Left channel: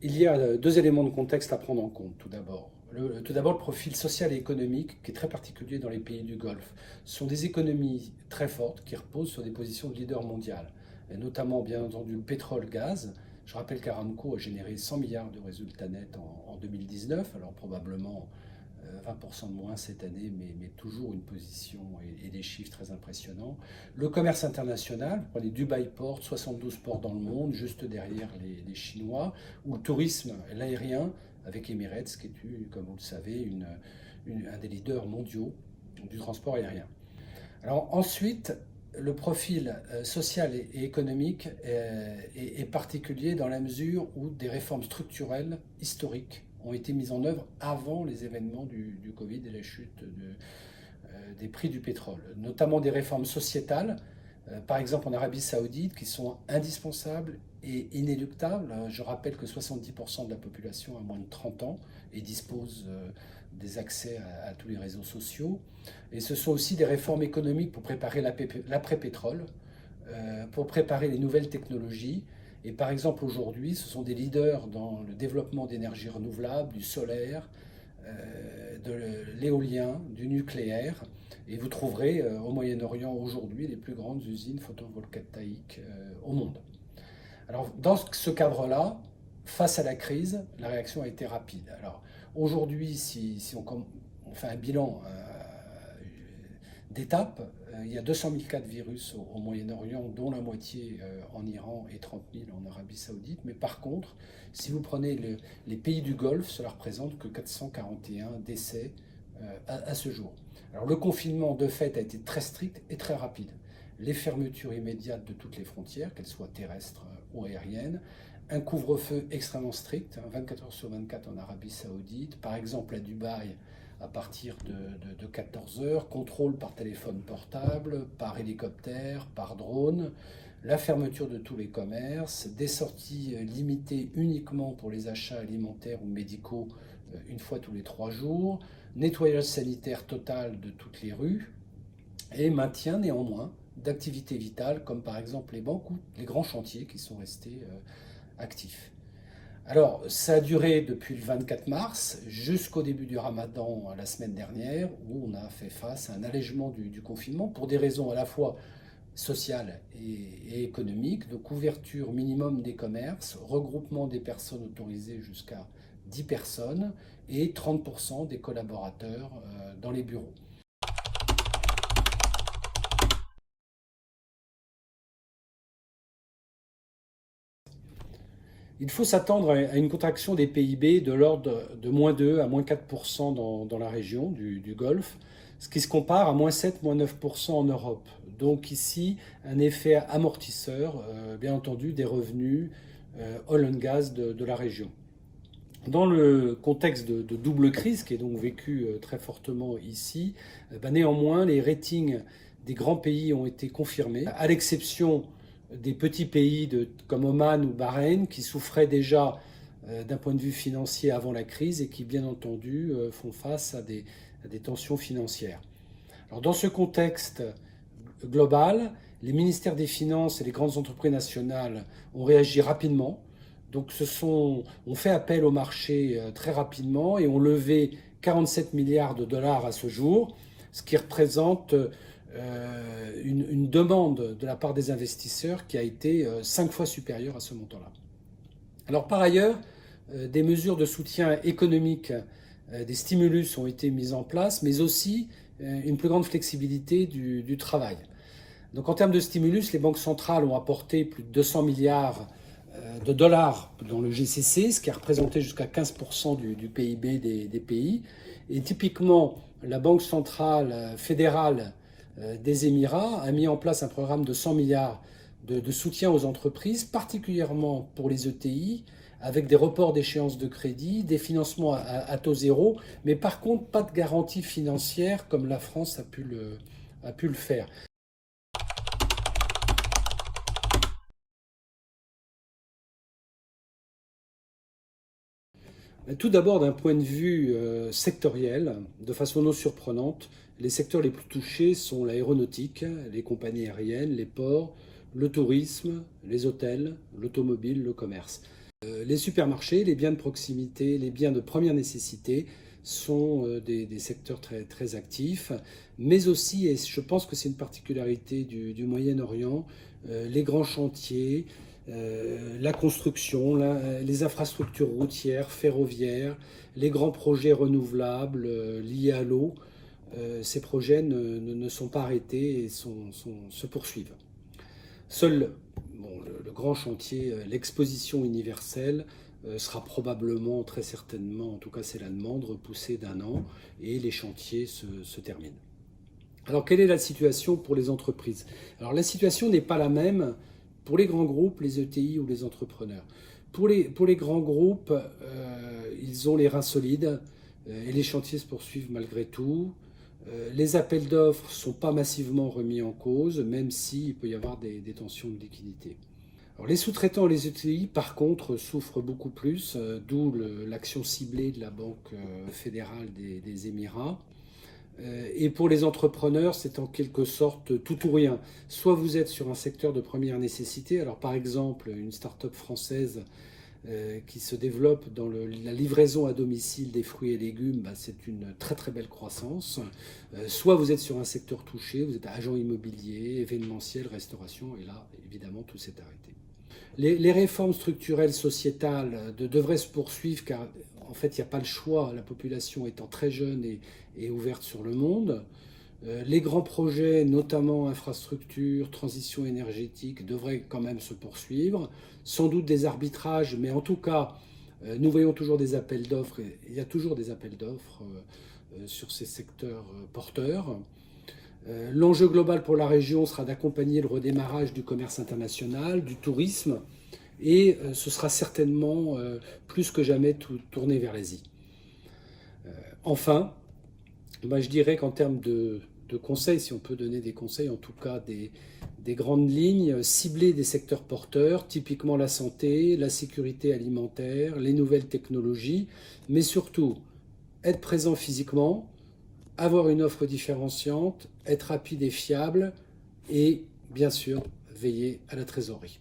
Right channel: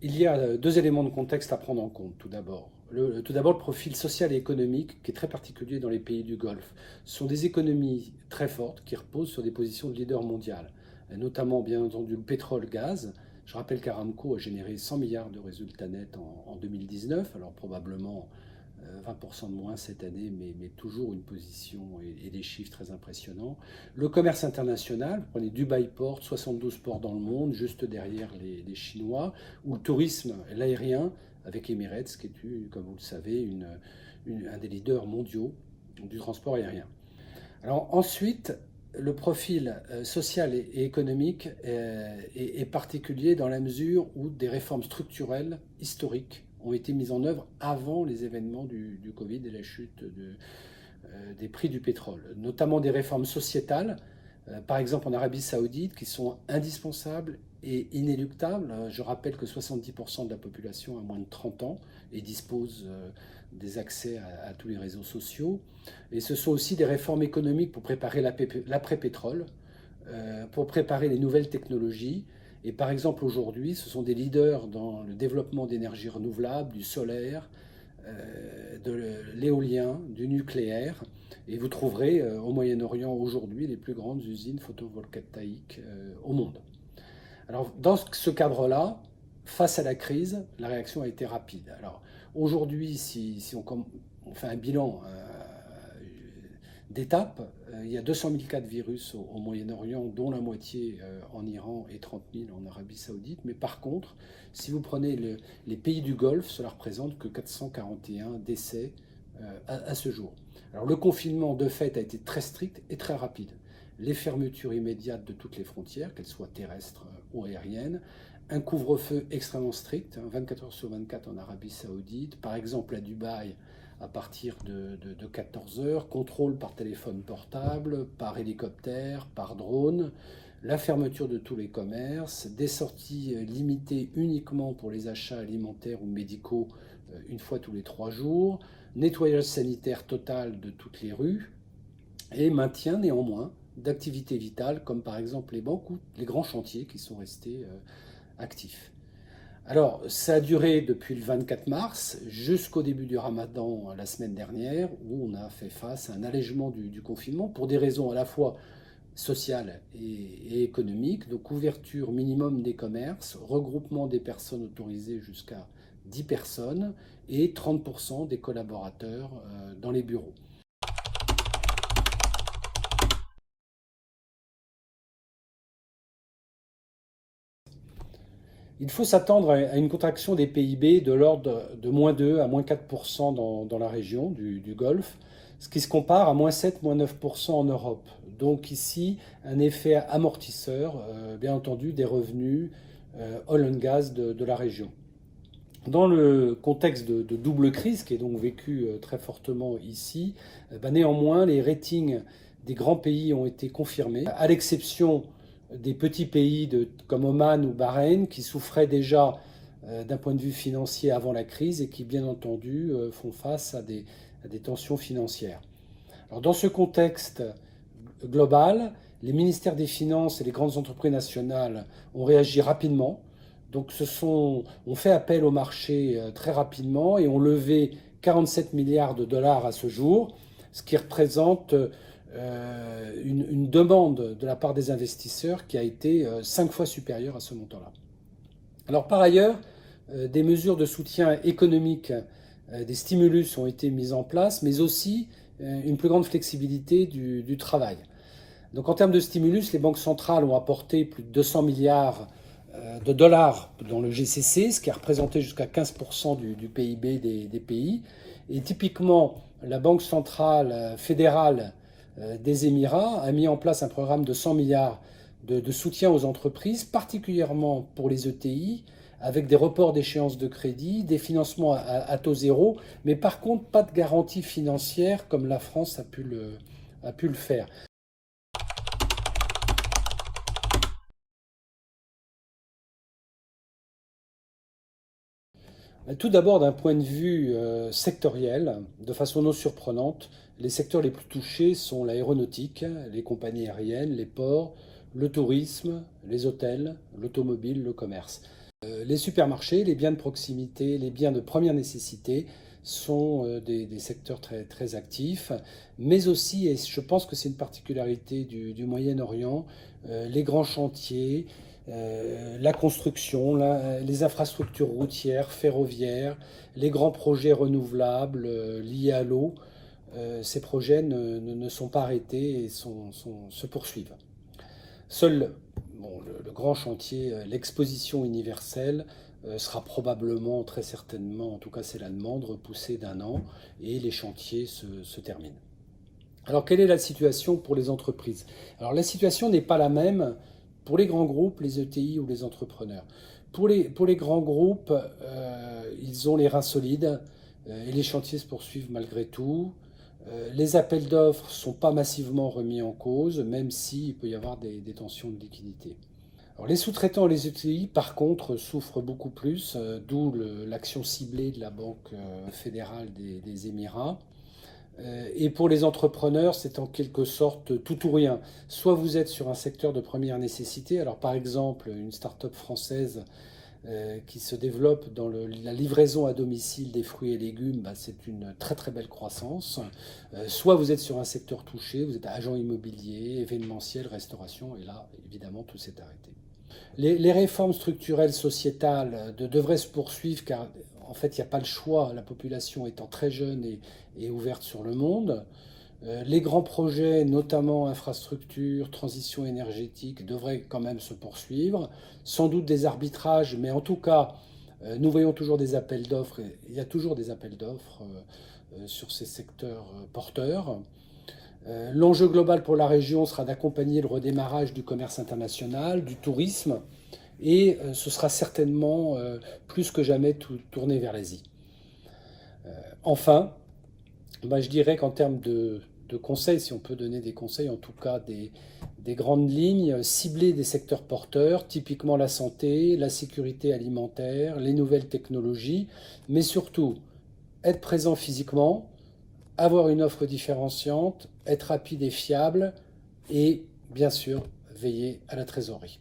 Il y a deux éléments de contexte à prendre en compte, tout d'abord. Tout d'abord, le profil social et économique qui est très particulier dans les pays du Golfe. Ce sont des économies très fortes qui reposent sur des positions de leader mondial, notamment bien entendu le pétrole-gaz. Je rappelle qu'Aramco a généré 100 milliards de résultats nets en 2019, alors probablement 20% de moins cette année, mais toujours une position et des chiffres très impressionnants. Le commerce international, vous prenez Dubaï Port, 72 ports dans le monde, juste derrière les Chinois, ou le tourisme, l'aérien, avec Emirates, qui est, comme vous le savez, un des leaders mondiaux du transport aérien. Alors ensuite, le profil social et économique est particulier dans la mesure où des réformes structurelles historiques ont été mises en œuvre avant les événements du Covid et la chute des prix du pétrole, notamment des réformes sociétales, par exemple en Arabie Saoudite, qui sont indispensables et inéluctables. Je rappelle que 70% de la population a moins de 30 ans et dispose des accès à tous les réseaux sociaux. Et ce sont aussi des réformes économiques pour préparer l'après-pétrole, pour préparer les nouvelles technologies. Et par exemple, aujourd'hui, ce sont des leaders dans le développement d'énergies renouvelables, du solaire, de l'éolien, du nucléaire. Et vous trouverez au Moyen-Orient aujourd'hui les plus grandes usines photovoltaïques au monde. Alors, dans ce cadre-là, face à la crise, la réaction a été rapide. Alors, aujourd'hui, si on fait un bilan d'étape, il y a 200 000 cas de virus au Moyen-Orient, dont la moitié en Iran et 30 000 en Arabie Saoudite. Mais par contre, si vous prenez les pays du Golfe, cela représente que 441 décès à ce jour. Alors le confinement de fait a été très strict et très rapide. Les fermetures immédiates de toutes les frontières, qu'elles soient terrestres ou aériennes, un couvre-feu extrêmement strict, 24 heures sur 24 en Arabie Saoudite, par exemple à Dubaï à partir de 14 heures, contrôle par téléphone portable, par hélicoptère, par drone, la fermeture de tous les commerces, des sorties limitées uniquement pour les achats alimentaires ou médicaux une fois tous les 3 jours, nettoyage sanitaire total de toutes les rues et maintien néanmoins d'activités vitales comme par exemple les banques ou les grands chantiers qui sont restés actifs. Alors, ça a duré depuis le 24 mars jusqu'au début du Ramadan la semaine dernière, où on a fait face à un allègement du confinement pour des raisons à la fois sociales et économiques, de couverture minimum des commerces, regroupement des personnes autorisées jusqu'à 10 personnes et 30% des collaborateurs dans les bureaux. Il faut s'attendre à une contraction des PIB de l'ordre de moins 2 à moins 4% dans la région du Golfe, ce qui se compare à moins 7, moins 9% en Europe. Donc ici, un effet amortisseur, bien entendu, des revenus oil and gas de la région. Dans le contexte de double crise, qui est donc vécu très fortement ici, néanmoins, les ratings des grands pays ont été confirmés, à l'exception des petits pays comme Oman ou Bahreïn, qui souffraient déjà d'un point de vue financier avant la crise et qui, bien entendu, font face à des tensions financières. Alors, dans ce contexte global, les ministères des Finances et les grandes entreprises nationales ont réagi rapidement. Donc, on fait appel au marché très rapidement et ont levé 47 milliards de dollars à ce jour, ce qui représente une demande de la part des investisseurs qui a été 5 fois supérieure à ce montant-là. Alors, par ailleurs, des mesures de soutien économique, des stimulus ont été mises en place, mais aussi une plus grande flexibilité du travail. Donc en termes de stimulus, les banques centrales ont apporté plus de 200 milliards de dollars dans le GCC, ce qui a représenté jusqu'à 15% du PIB des pays. Et typiquement, la Banque centrale fédérale des Émirats a mis en place un programme de 100 milliards de soutien aux entreprises, particulièrement pour les ETI, avec des reports d'échéance de crédit, des financements à taux zéro, mais par contre pas de garantie financière comme la France a pu le faire. Tout d'abord, d'un point de vue sectoriel, de façon non surprenante, les secteurs les plus touchés sont l'aéronautique, les compagnies aériennes, les ports, le tourisme, les hôtels, l'automobile, le commerce. Les supermarchés, les biens de proximité, les biens de première nécessité sont des secteurs très, très actifs, mais aussi, et je pense que c'est une particularité du Moyen-Orient, les grands chantiers, la construction, les infrastructures routières, ferroviaires, les grands projets renouvelables liés à l'eau, ces projets ne sont pas arrêtés et se poursuivent. Seul le grand chantier, l'exposition universelle, sera probablement, très certainement, en tout cas c'est la demande, repoussée d'1 an et les chantiers se terminent. Alors quelle est la situation pour les entreprises? Alors la situation n'est pas la même pour les grands groupes, les ETI ou les entrepreneurs. Pour les grands groupes, ils ont les reins solides et les chantiers se poursuivent malgré tout. Les appels d'offres ne sont pas massivement remis en cause, même s'il peut y avoir des tensions de liquidité. Alors, les sous-traitants et les ETI, par contre, souffrent beaucoup plus, d'où l'action ciblée de la Banque fédérale des Émirats. Et pour les entrepreneurs, c'est en quelque sorte tout ou rien. Soit vous êtes sur un secteur de première nécessité, alors par exemple une start-up française qui se développe dans la livraison à domicile des fruits et légumes, c'est une très très belle croissance. Soit vous êtes sur un secteur touché, vous êtes agent immobilier, événementiel, restauration, et là évidemment tout s'est arrêté. Les réformes structurelles sociétales devraient se poursuivre car en fait il n'y a pas le choix, la population étant très jeune et ouverte sur le monde. Les grands projets, notamment infrastructures, transition énergétique, devraient quand même se poursuivre. Sans doute des arbitrages, mais en tout cas, nous voyons toujours des appels d'offres. Il y a toujours des appels d'offres sur ces secteurs porteurs. L'enjeu global pour la région sera d'accompagner le redémarrage du commerce international, du tourisme, et ce sera certainement plus que jamais tourné vers l'Asie. Enfin, je dirais qu'en termes de conseils, si on peut donner des conseils, en tout cas des grandes lignes, cibler des secteurs porteurs, typiquement la santé, la sécurité alimentaire, les nouvelles technologies, mais surtout être présent physiquement, avoir une offre différenciante, être rapide et fiable et bien sûr veiller à la trésorerie.